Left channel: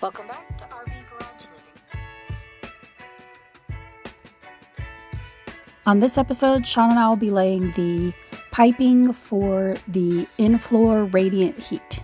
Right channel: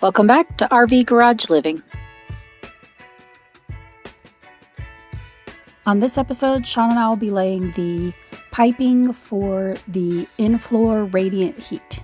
Welcome back to RV Garage Living. On this episode, Sean and I will be laying the piping for the in-floor radiant heat.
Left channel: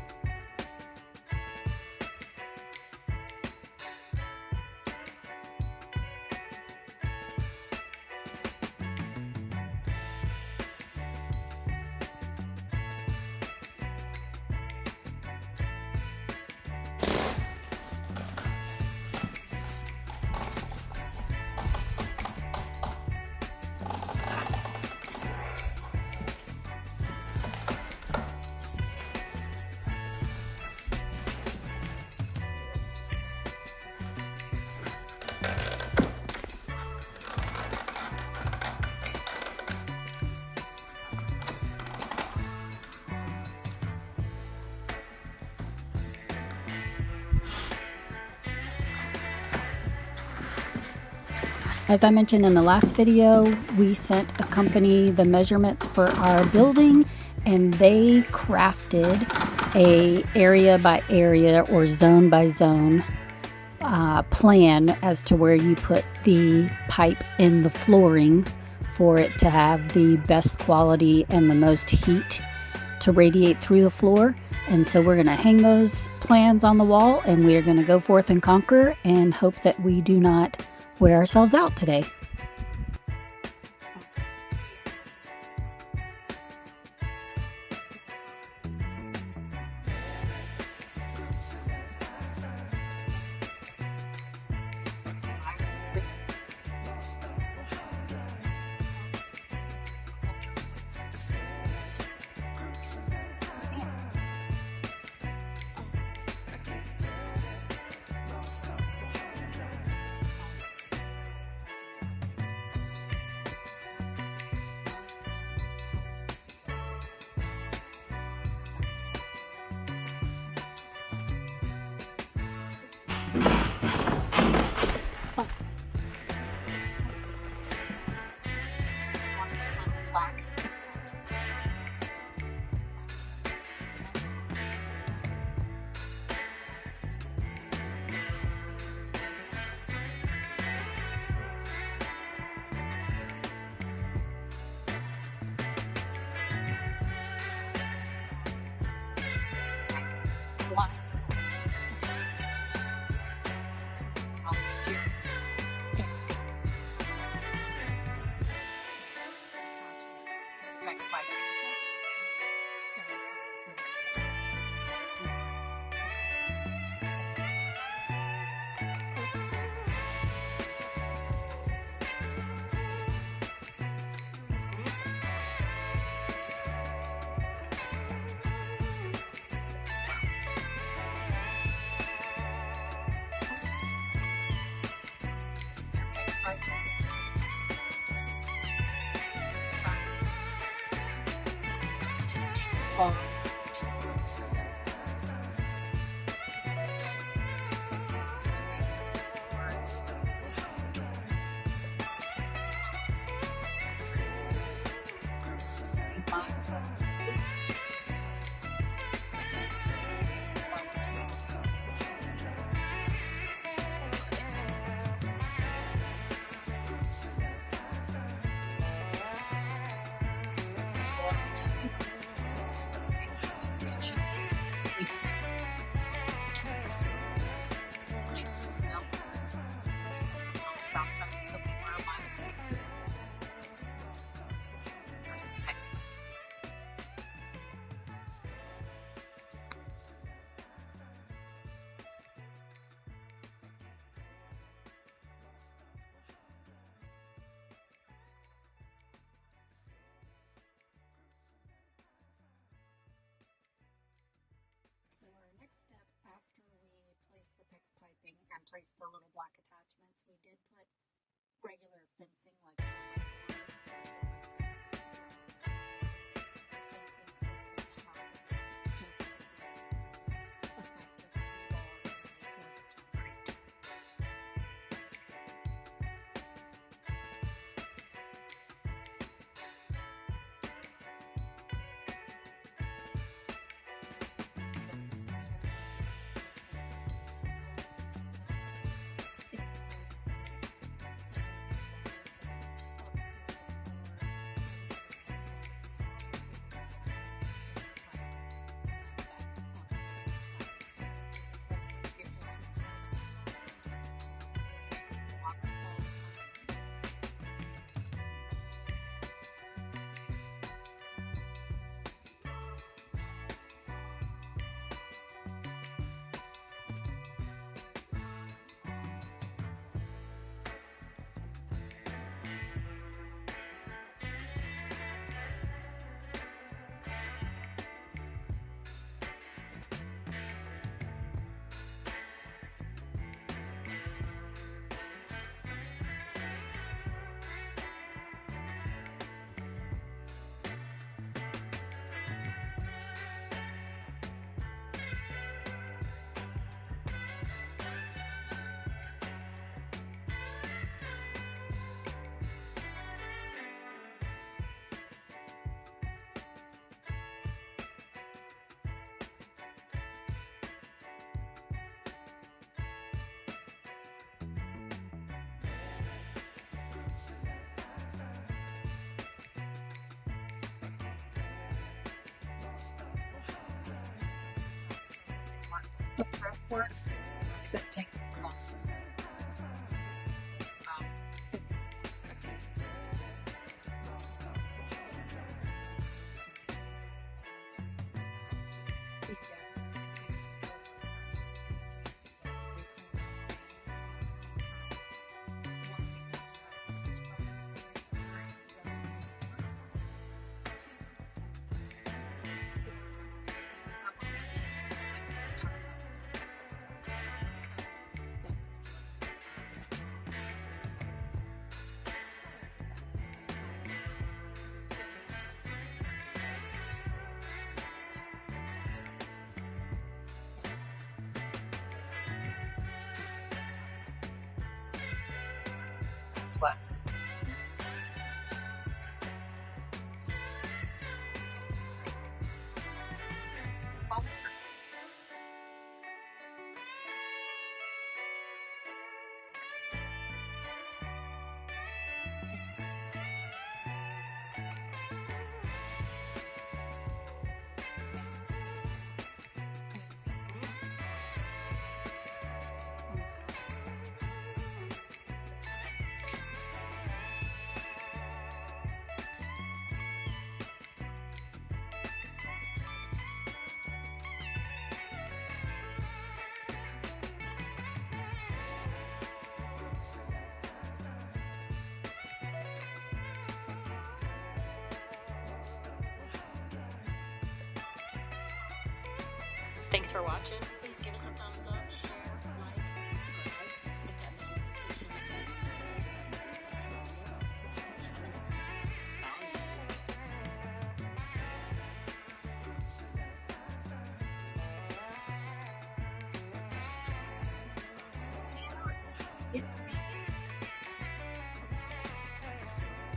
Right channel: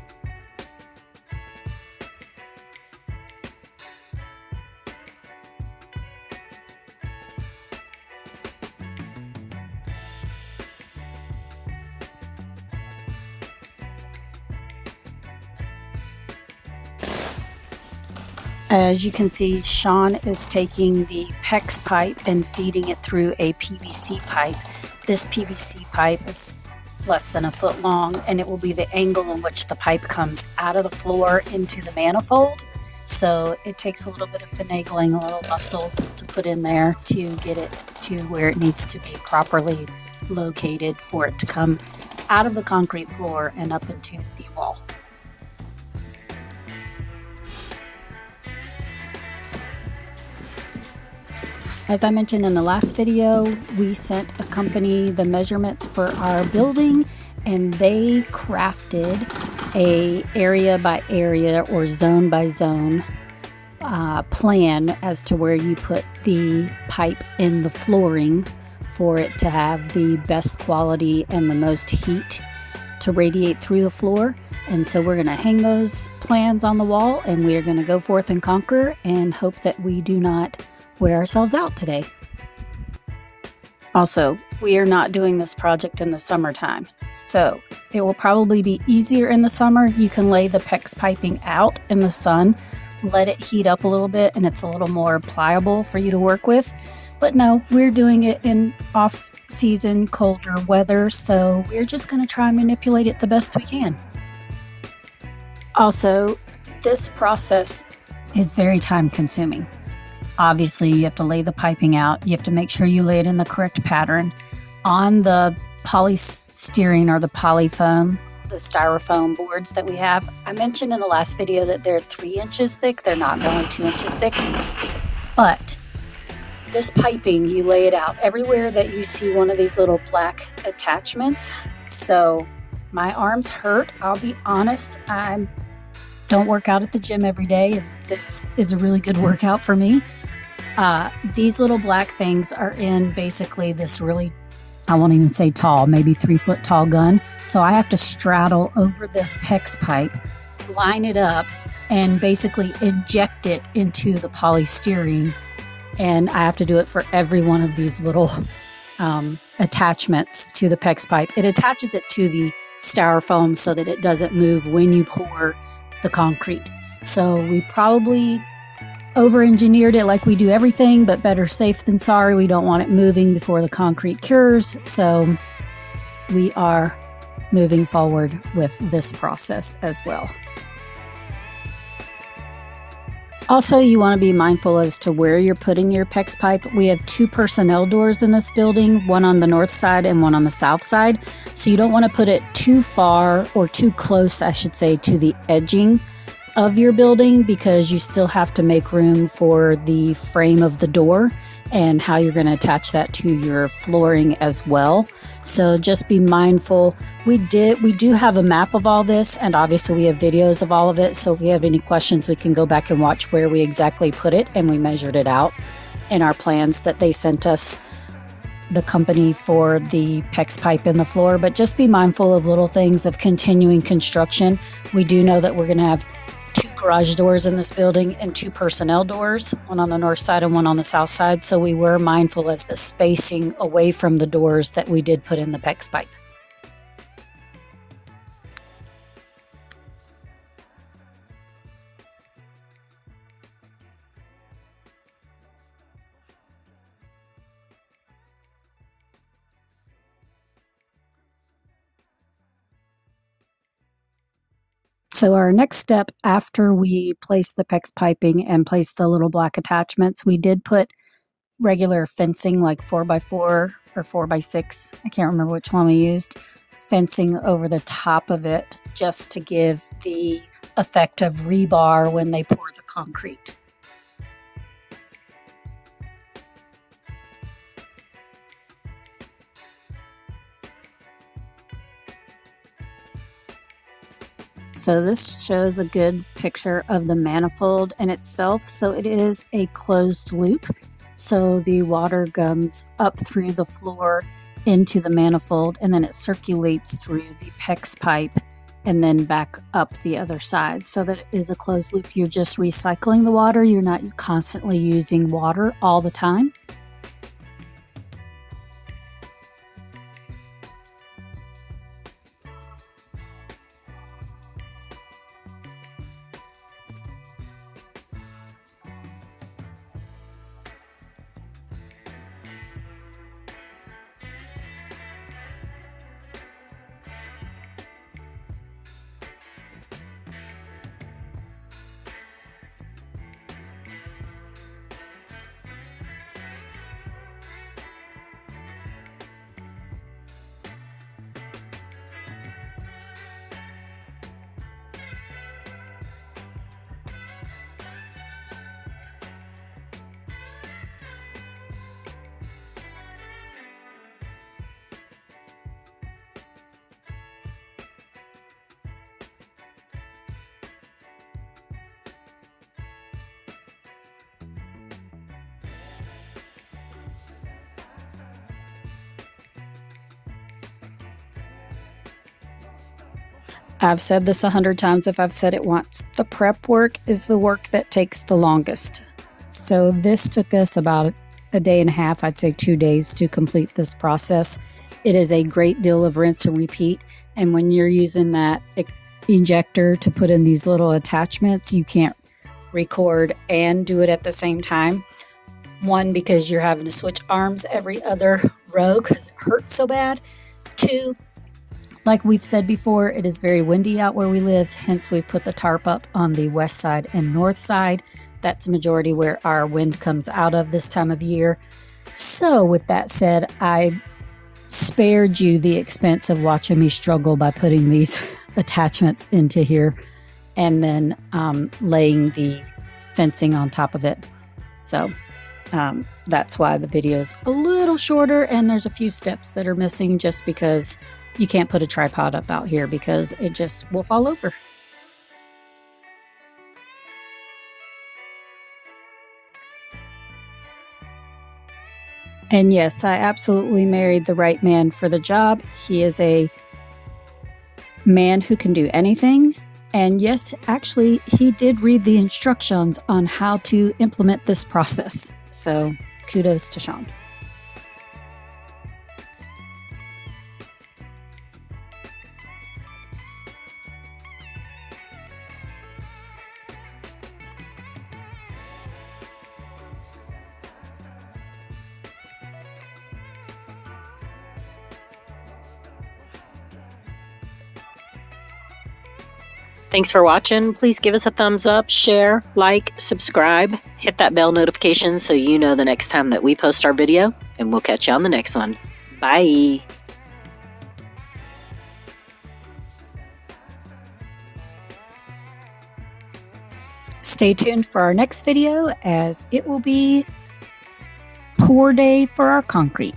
As you can see, Sean is taking the PEX pipe and feeding it through a PVC pipe. This PVC pipe is less than a foot long, and it will be the angle in which the pipe comes out of the floor into the manifold. So it takes a little bit of finagling, a little muscle to put in there to get it to where it needs to be properly located for it to come out of the concrete floor and up into the wall. As I mentioned in the last video, we sent a company the measurements for our building, and they crafted a area by area or zone by zone plan as to where you put the pipe in the flooring for it to have the best quality and the most heat to radiate through the floor. And so we're going to hang those plans on the wall, and we are going to go forth and conquer and hope that we do not wear ourselves out today. Also, we are not doing this project in the summertime, so it will probably be easier in the summer. You can lay the PEX piping out in the sun, let it heat up a little bit, and it's a little more pliable for you to work with. But no, we're doing it in off-season, colder weather, so we're just going to try and manipulate it the best we can. Also, this process is very time-consuming. Obviously, you have to lay the piping out. You have to make sure you lay it in the correct pattern. On the polystyrene or the polyfoam, the styrofoam boards that we have, I mentioned in the last video that they're 3 inches thick. They're not only 2 inches thick. But this piping, you lay it out everywhere that you see one of these little black attachments. So my arms hurt. I'll be honest. I don't work out at the gym every day. This is a really good workout for me. These little black things are in basically this really, I won't even say tall, maybe 3 foot tall gun. So I have to straddle over this PEX pipe, line it up, and basically inject it into the polystyrene. And I have to do it for every one of these little attachments to the PEX pipe. It attaches it to the styrofoam so that it doesn't move when you pour the concrete. So we probably over-engineered it like we do everything, but better safe than sorry. We don't want it moving before the concrete cures. So we are moving forward with this process as well. Also, you want to be mindful as to where you're putting your PEX pipe. We have 2 personnel doors in this building, one on the north side and one on the south side. So you don't want to put it too far or too close, I should say, to the edging of your building, because you still have to make room for the frame of the door and how you're going to attach that to your flooring as well. So just be mindful. We do have a map of all this, and obviously we have videos of all of it. So if you have any questions, we can go back and watch where we exactly put it, and we measured it out in our plans that they sent us, the company for the PEX pipe in the floor. But just be mindful of little things of continuing construction. We do know that we're going to have 2 garage doors in this building and 2 personnel doors, one on the north side and one on the south side. So we were mindful as the spacing away from the doors that we did put in the PEX pipe. So our next step after we place the PEX piping and place the little black attachments, we did put regular fencing like 4x4 or 4x6. I can't remember which one we used. Fencing over the top of it just to give the effect of rebar when they pour the concrete. So this shows a good picture of the manifold in itself. So it is a closed loop. So the water comes up through the floor into the manifold, and then it circulates through the PEX pipe and then back up the other side. So that it is a closed loop. You're just recycling the water. You're not constantly using water all the time. I've said this 100 times if I've said it once. The prep work is the work that takes the longest. So this took us about a day and a half, I'd say 2 days to complete this process. It is a great deal of rinse and repeat. And when you're using that ejector to put in these little attachments, you can't record and do it at the same time. One, because you're having to switch arms every other row because it hurts so bad. Two, like we've said before, it is very windy out where we live, hence we've put the tarp up on the west side and north side. That's the majority where our wind comes out of this time of year. So with that said, I spared you the expense of watching me struggle by putting these attachments into here and then laying the fencing on top of it. So that's why the video is a little shorter and there's a few steps that are missing just because you can't put a tripod up out here because it just will fall over. And yes, I absolutely married the right man for the job. He is a man who can do anything. And yes, actually, he did read the instructions on how to implement this process. So kudos to Sean. Thanks for watching. Please give us a thumbs up, share, like, subscribe, hit that bell notification so you know the next time that we post our video, and we'll catch you on the next one. Bye. Stay tuned for our next video as it will be pour day for our concrete.